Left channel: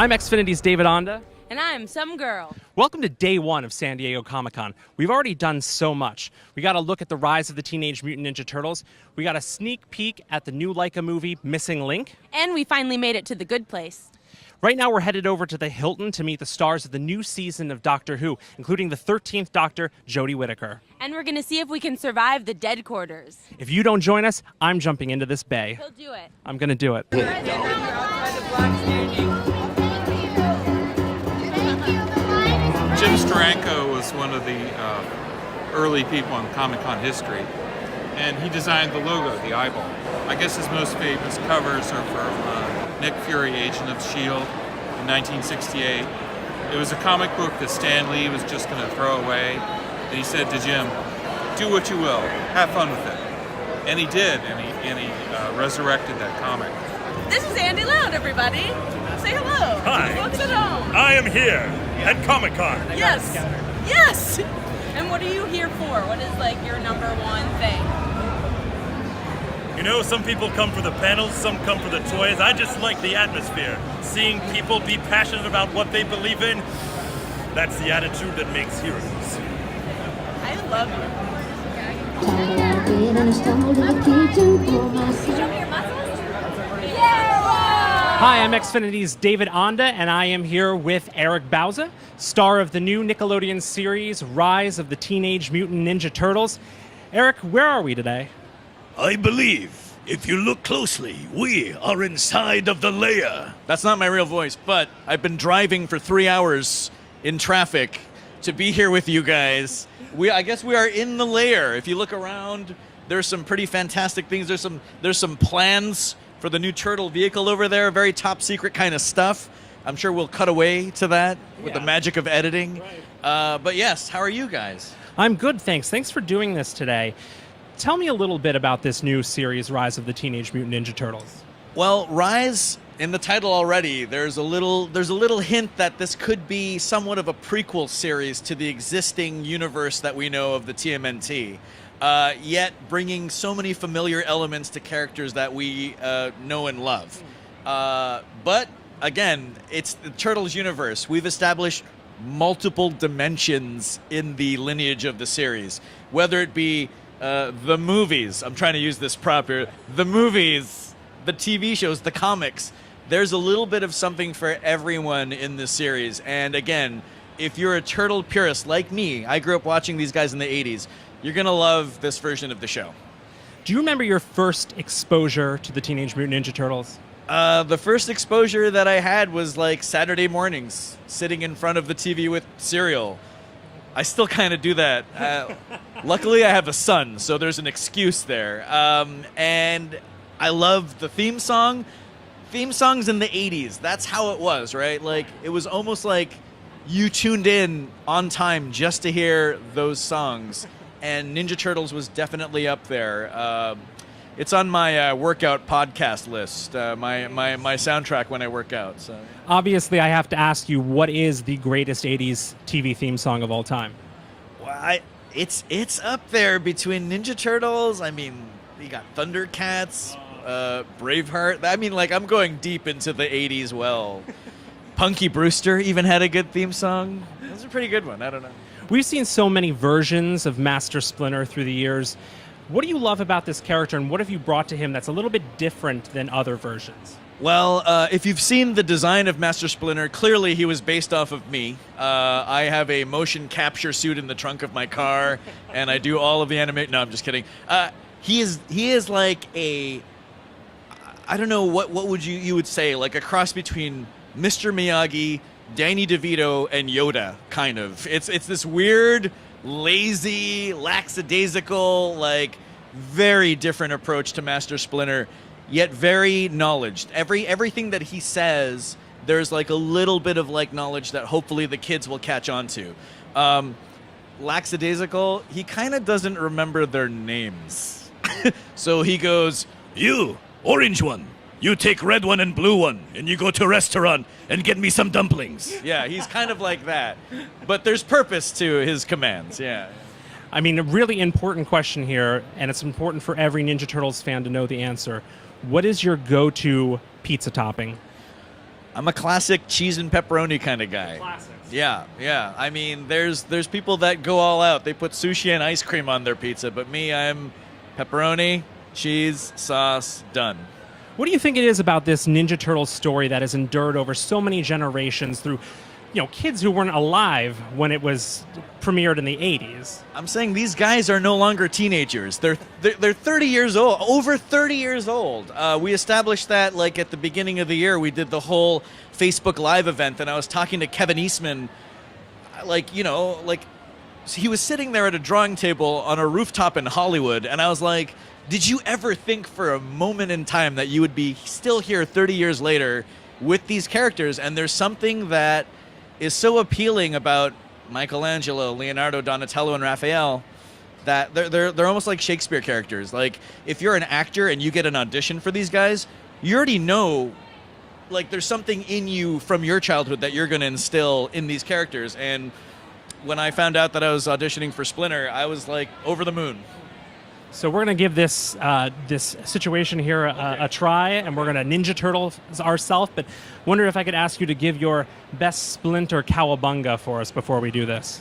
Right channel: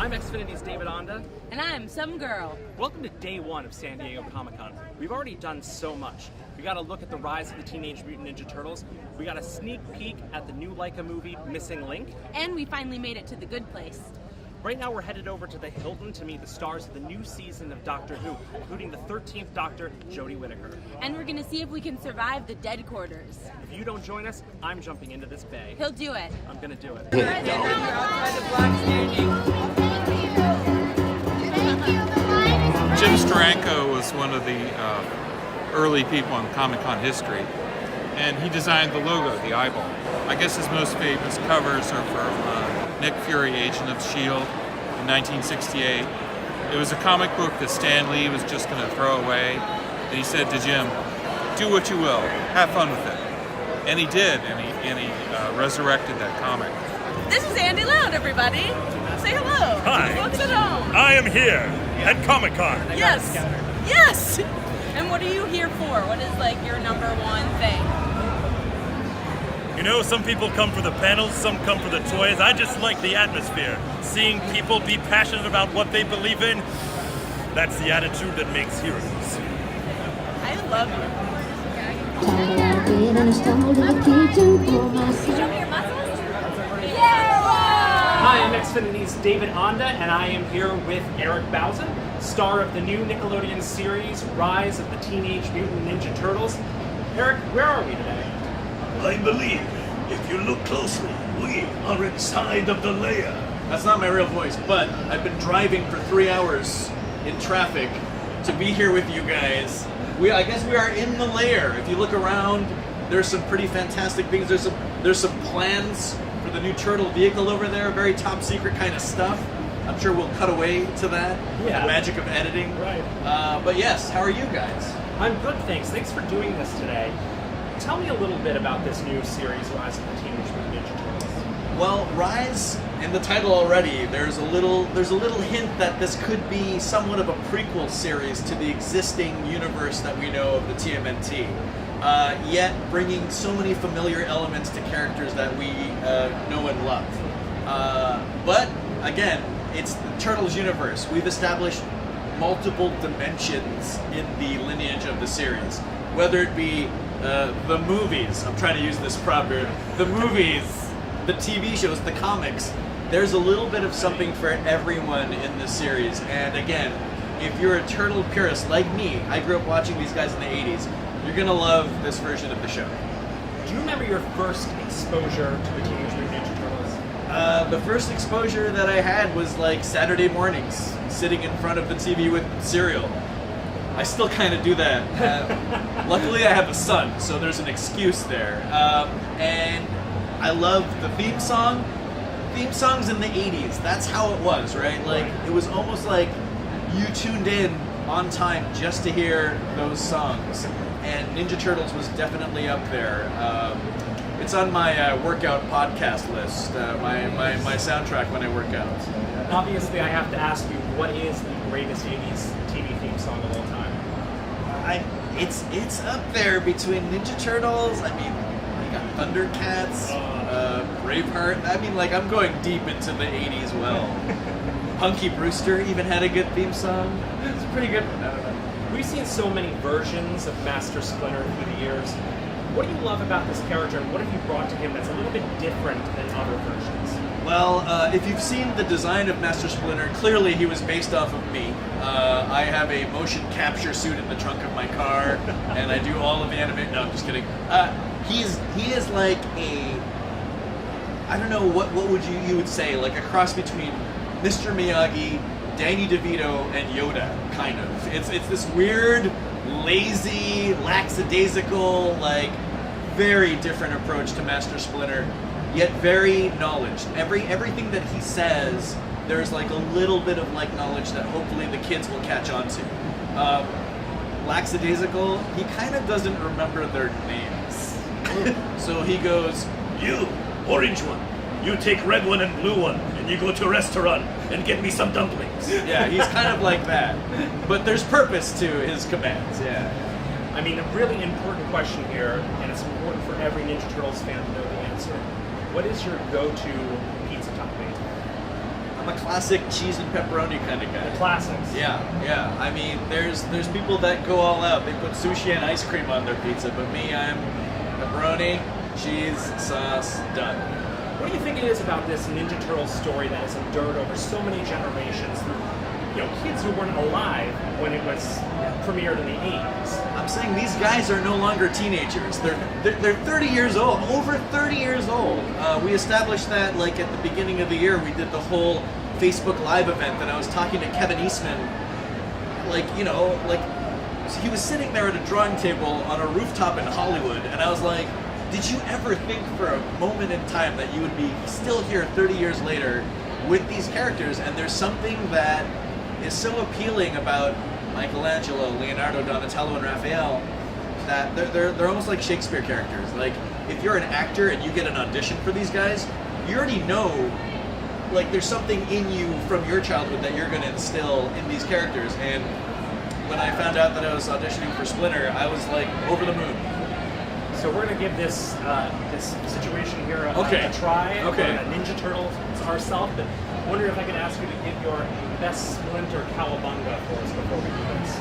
I'm Xfinity's David Onda. And I'm some girl. Welcome to day one of San Diego Comic-Con. We've already done so much. We got a look at the rise of the Teenage Mutant Ninja Turtles. We got a sneak peek at the new Laika movie, Missing Link. And we finally made it to the good place. Right now we're headed over to the Hilton to meet the stars of the new season of Doctor Who, including the 13th Doctor, Jodie Whittaker. And we're gonna see if we can survive the dead quarters. If you don't join us, I'm jumping into this bay. He'll do it. I'm gonna do it. Jim Steranko was one of the early people in Comic-Con history, and he designed the logo, the eyeball. I guess his most famous covers are from Nick Fury, Agent of S.H.I.E.L.D. in 1968. It was a comic book that Stan Lee was just going to throw away, and he said to Jim, "Do what you will, have fun with it." And he did, and he resurrected that comic. This is Andy Loud, everybody. Say hello. Hi. Folks at home. I am here at Comic-Con. Yes. Yes. And what are you here for? What is like your number one thing? You know, some people come for the panels, some come for the toys. I just like the atmosphere. Seeing people be passionate about what they believe in, that's the attitude that makes heroes. I love you. Hi, I'm Xfinity's David Onda, and I am here with Eric Bauza, star of the new Nickelodeon series, Rise of the Teenage Mutant Ninja Turtles. Eric, where are we today? I believe, if you look closely, we are inside of the lair. That's not my real voice, but I've been driving for 3 hours in traffic to be here with you guys. I guess we are in the lair. If you look around, there's some pretty fantastic things. There's some plans for the new turtle vehicle over there, very top secret kind of stuff. I'm sure we'll cut away to that, the magic of editing. Right. But yes, how are you guys? I'm good, thanks. Thanks for doing this today. Tell me a little bit about this new series, Rise of the Teenage Mutant Ninja Turtles. Well, Rise, in the title already, there's a little hint that this could be somewhat of a prequel series to the existing universe that we know of the TMNT. Yet bringing so many familiar elements to characters that we know and love. But again, it's the Turtles universe. We've established multiple dimensions in the lineage of the series, whether it be the movies. I'm trying to use this proper. The movies, the TV shows, the comics. There's a little bit of something for everyone in this series. And again, if you're a turtle purist like me, I grew up watching these guys in the 80s. You're gonna love this version of the show. Do you remember your first exposure to the Teenage Mutant Ninja Turtles? The first exposure that I had was like Saturday mornings, sitting in front of the TV with cereal. I still kind of do that. Luckily, I have a son, so there's an excuse there. And I love the theme song. Theme songs in the 80s, that's how it was, right? Like, it was almost like you tuned in on time just to hear those songs. And Ninja Turtles was definitely up there. It's on my workout podcast list, my soundtrack when I work out. So, yeah. Obviously, I have to ask you, what is the greatest 80s TV theme song of all time? It's up there between Ninja Turtles. I mean, you got Thundercats, Braveheart. I mean, like, I'm going deep into the 80s well. Punky Brewster even had a good theme song. It's a pretty good one, I don't know. We've seen so many versions of Master Splinter through the years. What do you love about this character, and what have you brought to him that's a little bit different than other versions? Well, if you've seen the design of Master Splinter, clearly he was based off of me. I have a motion capture suit in the trunk of my car, and I do all of the animation. No, I'm just kidding. He is like a, I don't know, what would you would say, like a cross between Mr. Miyagi, Danny DeVito, and Yoda, kind of. It's this weird, lazy, lackadaisical, like, very different approach to Master Splinter, yet very knowledged. Everything that he says, there's like a little bit of like knowledge that hopefully the kids will catch on to. Lackadaisical, he kind of doesn't remember their names. So he goes, You, orange one. You take red one and blue one, and you go to a restaurant and get me some dumplings. Yeah, he's kind of like that. But there's purpose to his commands, yeah. I mean, a really important question here, and it's important for every Ninja Turtles fan to know the answer. What is your go-to pizza topping? I'm a classic cheese and pepperoni kind of guy. Classics. Yeah. I mean, there's people that go all out. They put sushi and ice cream on their pizza, but me, I'm pepperoni, cheese, sauce, done. What do you think it is about this Ninja Turtles story that has endured over so many generations through, kids who weren't alive when it was premiered in the 80s? I'm saying these guys are no longer teenagers. They're 30 years old, over 30 years old. We established that like at the beginning of the year. We did the whole Facebook Live event, and I was talking to Kevin Eastman. He was sitting there at a drawing table on a rooftop in Hollywood, and I was like, did you ever think for a moment in time that you would be still here 30 years later with these characters? And there's something that is so appealing about Michelangelo, Leonardo, Donatello, and Raphael that they're almost like Shakespeare characters. Like, if you're an actor and you get an audition for these guys, you already know, like, there's something in you from your childhood that you're going to instill in these characters. And when I found out that I was auditioning for Splinter, I was like over the moon. So we're gonna give this this situation here a try, and we're gonna Ninja Turtles ourselves. But wonder if I could ask you to give your best Splinter cowabunga for us before we do this.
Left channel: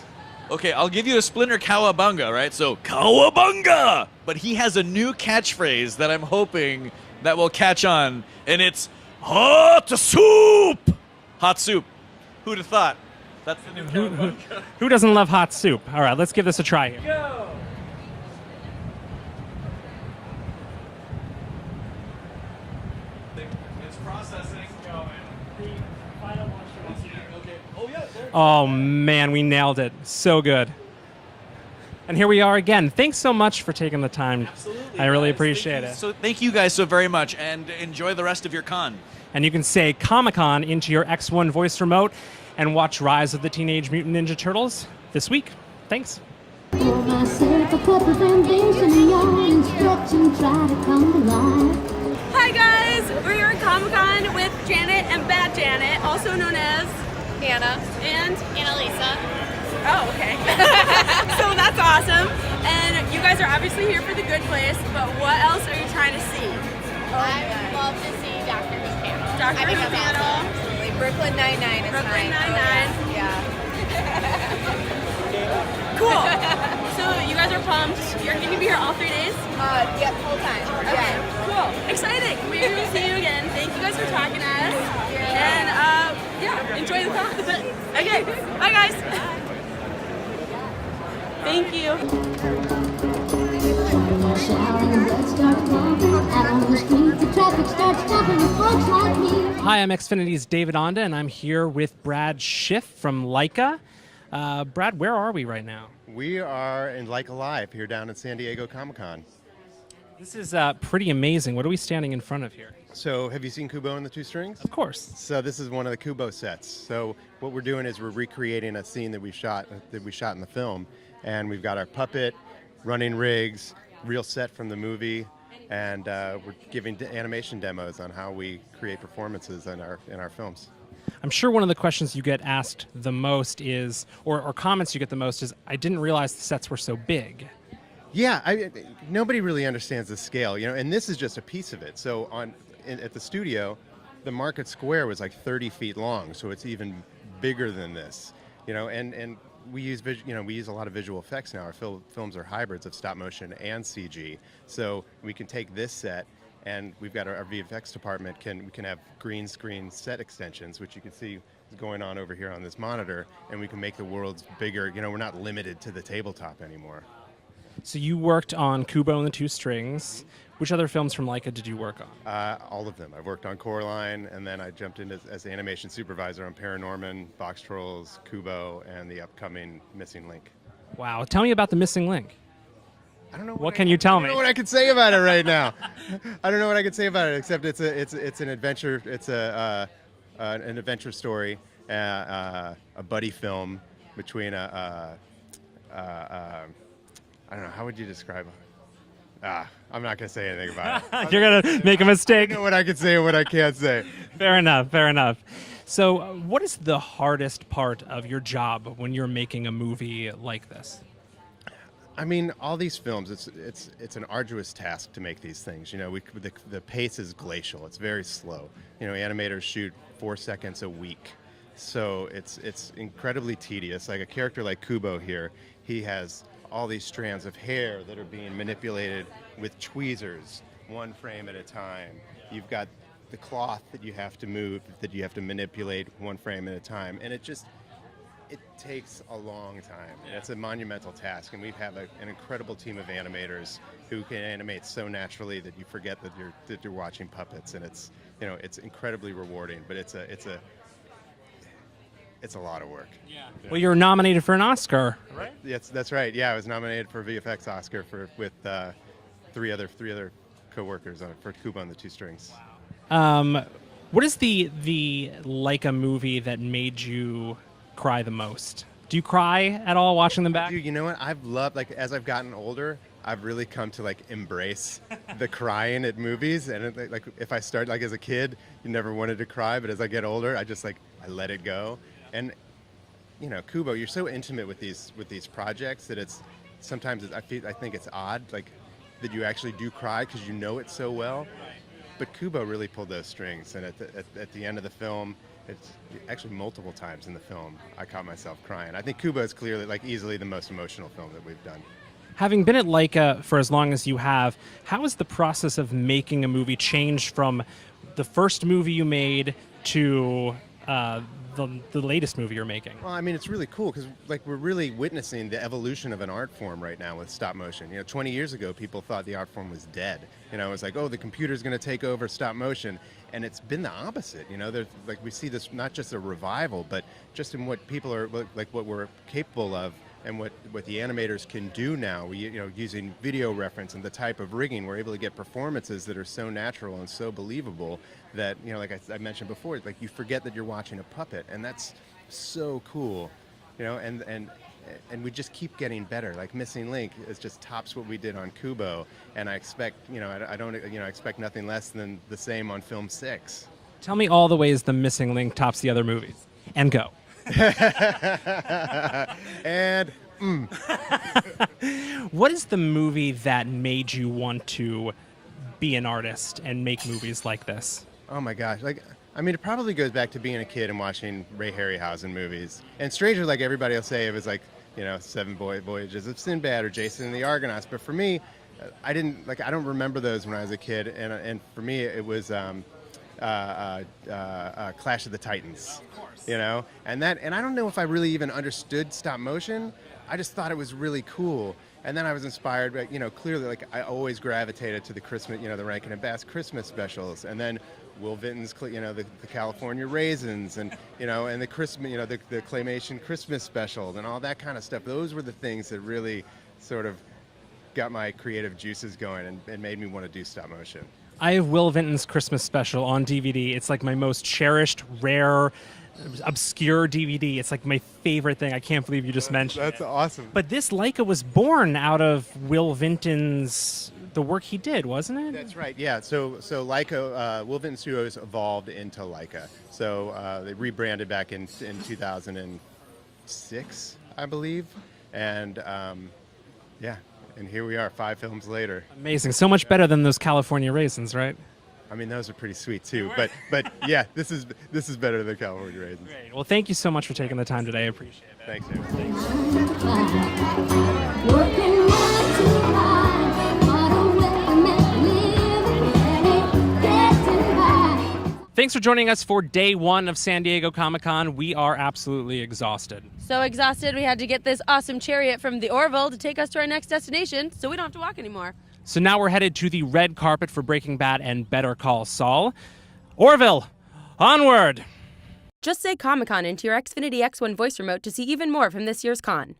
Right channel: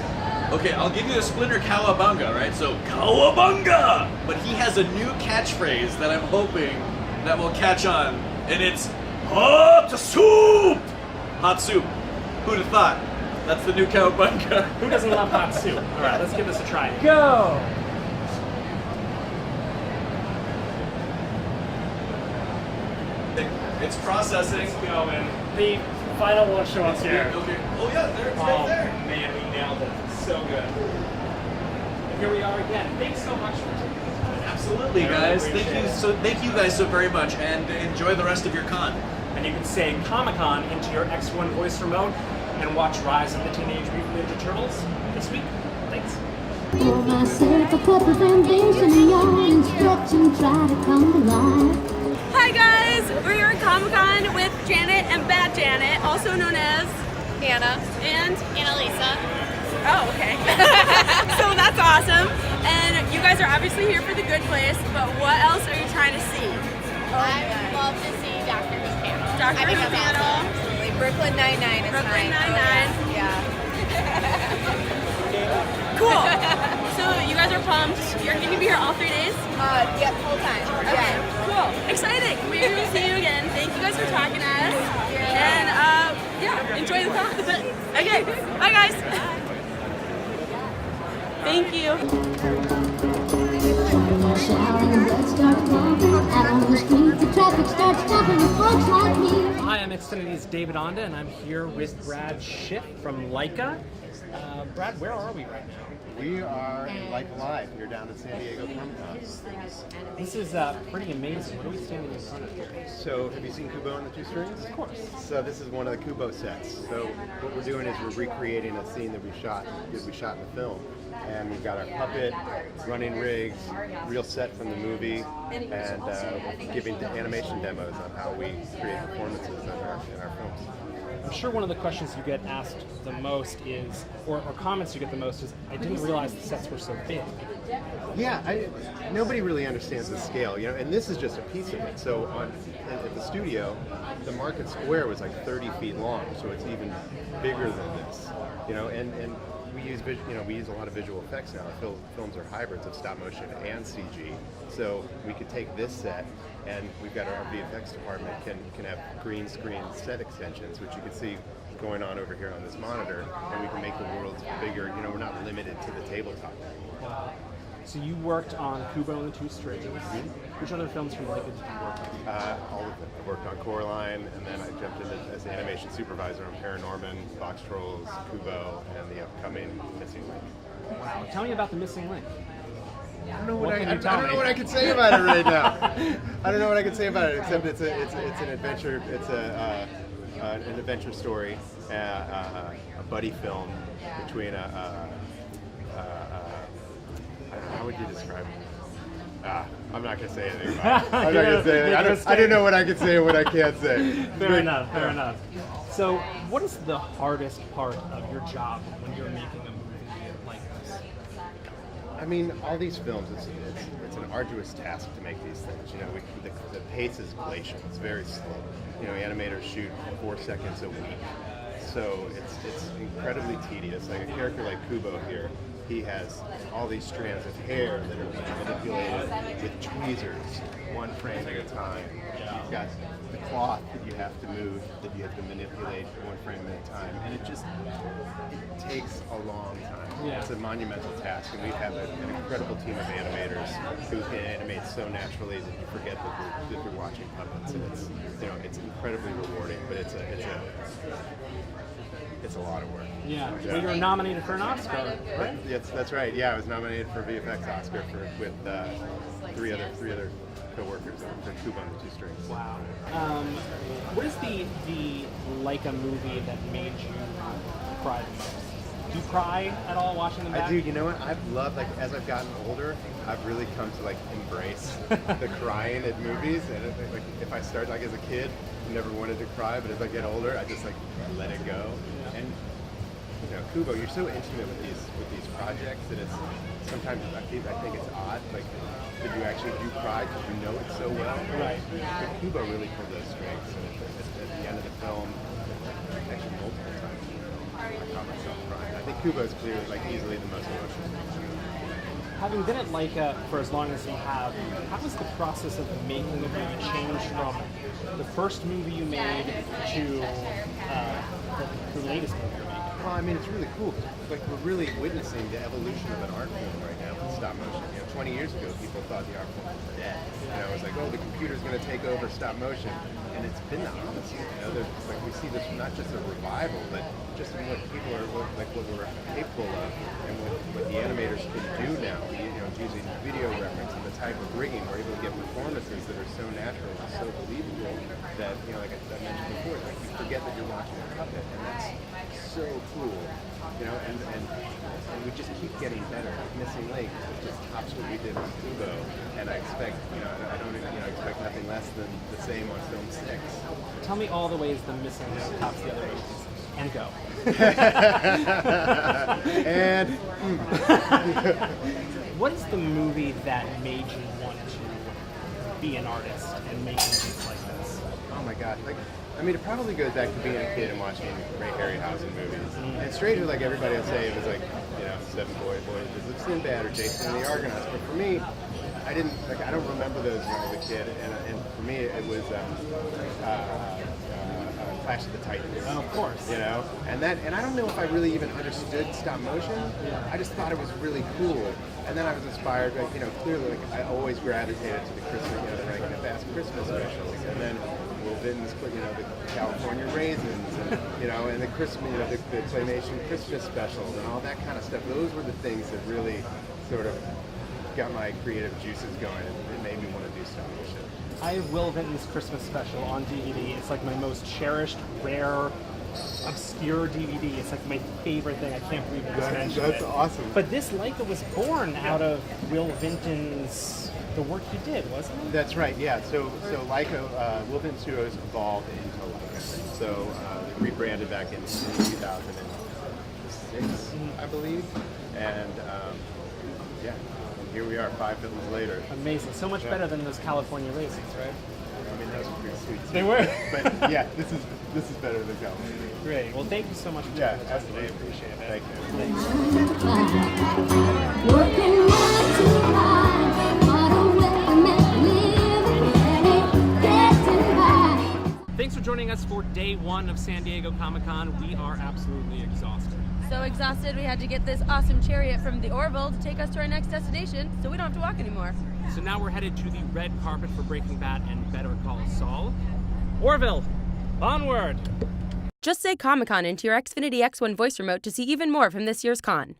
Okay, I'll give you a Splinter cowabunga, right? So, cowabunga! But he has a new catchphrase that I'm hoping that will catch on, and it's hot soup! Hot soup. Who'd have thought? That's the new cowabunga. Who doesn't love hot soup? All right, let's give this a try. Go! It's processing. The final one show us here. Okay. Oh yeah, there. Oh man, we nailed it. So good. And here we are again. Thanks so much for taking the time. Absolutely. I really guys. appreciate Thank you. it. So thank you guys so very much, and enjoy the rest of your con. And you can say Comic-Con into your X1 voice remote and watch Rise of the Teenage Mutant Ninja Turtles this week. Thanks. Pour myself a cup of ambition and your instruction try to come alive. Hi guys, we're here at Comic-Con with Janet and Bad Janet, also known as Anna and Annalisa. Oh, okay. So that's awesome. And you guys are obviously here for The Good Place, but what else are you trying to see? I would love to see Doctor Who panel. Doctor I think Who that's panel. awesome. Absolutely. Brooklyn Nine-Nine is Brooklyn mine. Nine-Nine. Yeah. Cool. So you guys are pumped. You're going to be here all 3 days? Yep, whole time. Okay, Yeah. cool. Exciting. Maybe we'll see you again. Thank you guys for talking to us. And enjoy the con. Okay, bye guys. Thank you. Shouting, blood starts pumping. Out on the street, the traffic starts jumping with folks like me. Hi, I'm Xfinity's David Onda, and I'm here with Brad Schiff from Leica. Brad, where are we right now? We are in Leica Live here down at San Diego Comic-Con. This is pretty amazing. What are we standing in front of here? So, have you seen Kubo and the Two Strings? Of course. So this is one of the Kubo sets. So what we're doing is we're recreating a scene that we shot in the film, and we've got our puppet, running rigs, real set from the movie, and we're giving animation demos on how we create performances in our films. I'm sure one of the questions you get asked the most is, or comments you get the most is, I didn't realize the sets were so big. Yeah, nobody really understands the scale, and this is just a piece of it. So at the studio, the Market Square was like 30 feet long, so it's even bigger than this, and we use a lot of visual effects now. Our films are hybrids of stop motion and CG, so we can take this set, and we've got our VFX department can have green screen set extensions, which you can see going on over here on this monitor, and we can make the worlds bigger. We're not limited to the tabletop anymore. So you worked on Kubo and the Two Strings. Which other films from Leica did you work on? All of them. I worked on Coraline, and then I jumped in as the animation supervisor on Paranorman, Box Trolls, Kubo, and the upcoming Missing Link. Wow. Tell me about the Missing Link. I don't know What can you tell I me? don't know what I can say about it right now. I don't know what I can say about it, except it's an adventure. It's an adventure story, a buddy film between I don't know, how would you describe it? I'm not going to say anything about it. You're going to make a mistake. I don't know what I can say and what I can't say. Fair enough. So what is the hardest part of your job when you're making a movie like this? I mean, all these films, it's an arduous task to make these things. The pace is glacial. It's very slow. animators shoot 4 seconds a week. So it's incredibly tedious. Like a character like Kubo here, he has all these strands of hair that are being manipulated with tweezers, one frame at a time. You've got the cloth that you have to move, that you have to manipulate one frame at a time, and it takes a long time. Yeah. It's a monumental task, and we've had an incredible team of animators who can animate so naturally that you forget that you're watching puppets, and it's incredibly rewarding, but it's a lot of work. Yeah. Well, you were nominated for an Oscar. Yes, that's right. Yeah, I was nominated for a VFX Oscar with three other co-workers for Kubo and the Two Strings. Wow. What is the Laika movie that made you cry the most? Do you cry at all watching them back? I do. You know what? I've loved, as I've gotten older, I've really come to embrace the crying at movies. And if I start as a kid, I never wanted to cry, but as I get older, I just I let it go. And Kubo, you're so intimate with these projects that it's sometimes I think it's odd that you actually do cry because you know it so well. Right. But Kubo really pulled those strings, and at the end of the film, actually multiple times in the film, I caught myself crying. I think Kubo is clearly easily the most emotional film in the movie. Having been at Laika for as long as you have, how has the process of making a movie changed from the first movie you made to the latest movie you're making? Well, I mean, it's really cool because we're really witnessing the evolution of an art form right now with stop motion. 20 years ago, people thought the art form was dead. It was the computer's going to take over stop motion, and it's been the opposite. There's we see this not just a revival, but just in what people are what we're capable of, and what the animators can do now. Using video reference and the type of rigging, we're able to get performances that are so natural and so believable that like I mentioned before, you forget that you're watching a puppet, and that's so cool. And we just keep getting better. Missing Link is just tops what we did on Kubo, and I expect I don't expect nothing less than the same on film 6. Tell me all the ways the Missing Link tops the other movies, and go. And what is the movie that made you want to be an artist and make movies like this? Oh my gosh, it probably goes back to being a kid and watching Ray Harryhausen movies. And strangely, everybody will say, it was 7 Voyages of Sinbad or Jason and the Argonauts. But for me, I don't remember those when I was a kid. And for me, it was Clash of the Titans. Oh, of course. And I don't know if I really even understood stop motion. I just thought it was really cool. And then I was inspired, clearly, I always gravitated to the Christmas, the Rankin and Bass Christmas specials, and then Will Vinton's, the California Raisins, and and the Christmas, the claymation Christmas specials, and all that kind of stuff. Those were the things that really sort of got my creative juices going and made me want to do stop motion. I have Will Vinton's Christmas special on DVD. It's my most cherished, rare, obscure DVD. It's my favorite thing. I can't believe you just mentioned it. That's awesome. But this Laika was born out of Will Vinton's, the work he did, wasn't it? That's right, yeah. So Laika, Will Vinton Studios evolved into Laika. So they rebranded back in 2006, I believe. And and here we are 5 films later. Amazing. So much better than those California Raisins, right? I mean, those are pretty sweet too. They were. But yeah, this is better than California Raisins. Great. Well, thank you so much for taking the time today. I appreciate it. Thank you. Working 9 to 5, what a way to make a living, getting by. Thanks for joining us for day 1 of San Diego Comic-Con. We are absolutely exhausted. So exhausted, we had to get this awesome chariot from the Orville to take us to our next destination, so we don't have to walk anymore. So now we're headed to the red carpet for Breaking Bad and Better Call Saul. Orville, onward! Just say Comic-Con into your Xfinity X1 voice remote to see even more from this year's con.